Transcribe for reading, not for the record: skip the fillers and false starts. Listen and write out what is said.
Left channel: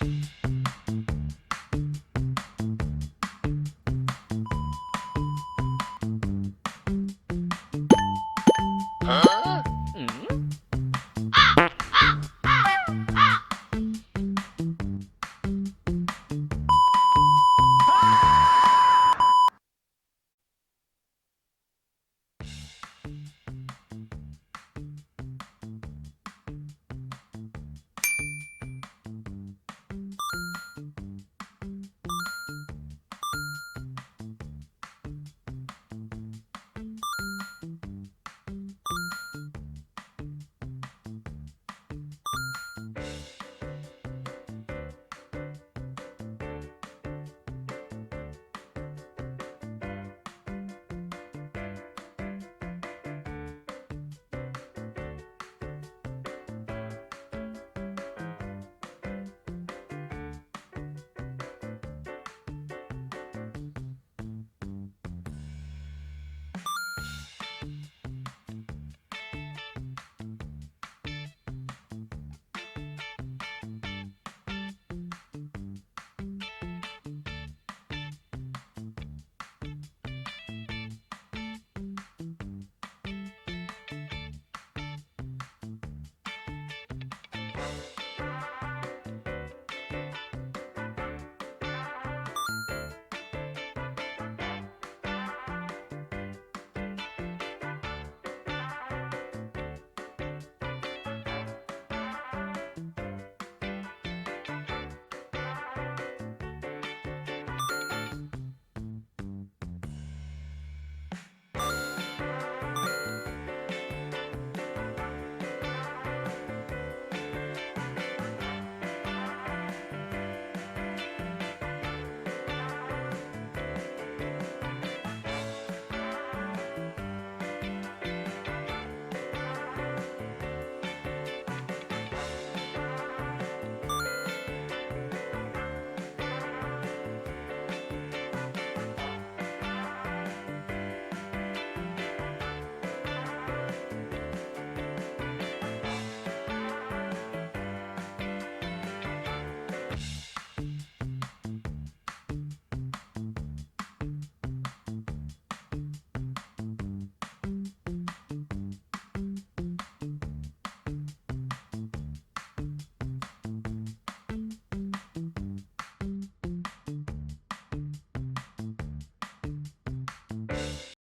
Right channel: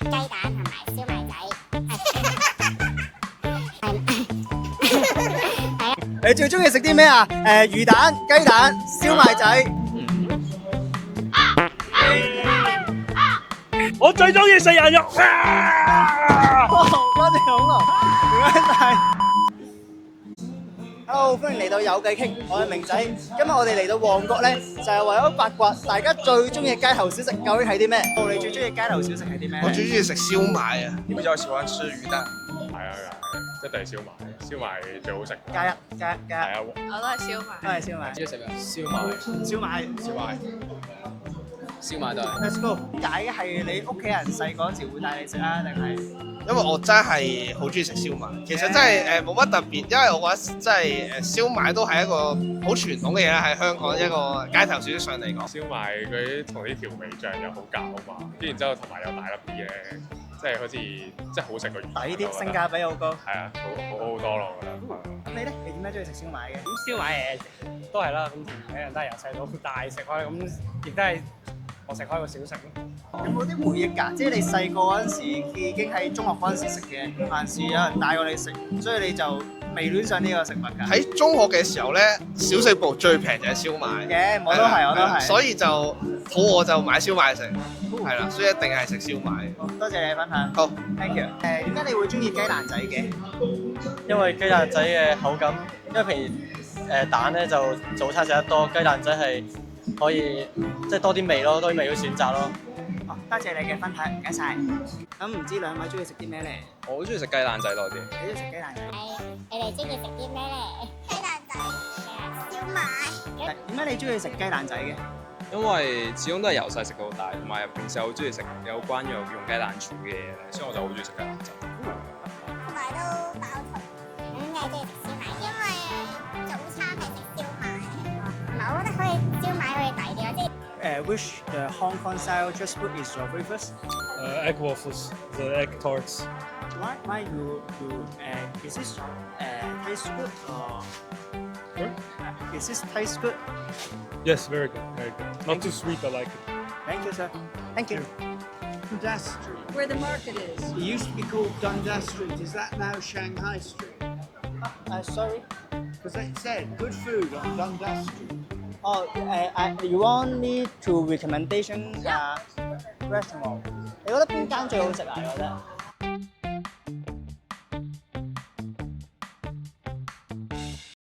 雞蛋同埋燒賣仔。你最中意食啲咩啊？魚蛋、雞蛋、燒賣仔。我最中意食人肉。多謝恐龍，唔該晒。Hello，歡迎嚟到有計傾，我係明仔。今日我哋嚟到旺角咧，就係為咗八卦大家最中意嘅街頭小食究竟係啲咩？你最中意街頭小食係啲咩？我最中意食燒賣啊！你比較喜歡吃魚蛋？係啊，一定係燒賣，燒賣最好食。加一。係啊，我都係燒賣。都係燒賣。中意食咩？燒賣。燒賣。燒賣都係。Let's go。點解係你屋企人細個嗰時會帶你食啊？定係？因為我真係好中意食燒賣，其實真係冇乜特別，因為我覺得真係燒賣都係一個好傳統嘅嘢啦，喺香港一個街頭小食上嚟講。燒賣佢啲同啲調味醬又好夾啊嘛，跟住之後同埋有大粒啲嘅，即係好似即係好食過魚。抵啲，性價比好高。係啊，好多咯，我覺得。咁你咧？你點解中意食燒賣嘅？咁燒賣都係啦，咁人都係由細到大食開，咁亦都係我食開個小食咯。有冇啲回憶㗎？即係你細個嗰陣時已經喺中學嗰陣時食嘅，還是有人帶過你食，所以你就未戀上呢個食物㗎？喺中學嘅時候咧，小食部最平就係燒賣。嘅，我都係。所以就肚餓就買燒賣食，係啦，所以一定係食燒賣。多謝你分享。好 ，thank you。點解你會中意雞蛋仔嘅？因為雞蛋仔嘅口感，因為平時蛋咧就早餐食得多，雞蛋仔係可以即係多啲味咯，多啲味去選擇咯。多謝你嘅分享，唔該晒。咁唔知兩位中意食啲咩咧？我好中意食雞蛋仔多啲。你中意食雞蛋仔？你哋中意食啲咩咧？雞蛋仔、燒賣。點解你中意食雞蛋仔嘅？因為始終都係由細食到大，同埋平時好中意食有關於用雞蛋煮嘅嘢，所以我就好中意食雞蛋仔。同埋都飽肚。咁你哋食燒賣，因為早餐係食燒賣，同埋我覺得可以燒賣可以抵啲咯，即係。Which Hong Kong style just food is your favorite? Egg waffles, the egg tarts. Why you is this taste good or is this taste good? Yes, very good, very good. Not too sweet, I like it. Thank you, sir. Thank you. Dundas Street. Where the market is. It used to be called Dundas Street. Is that now Shanghai Street? Sorry. Because it said good food on Dundas Street. Oh, you want me to recommendation restaurant? 你覺得邊間最好食啊？我覺得。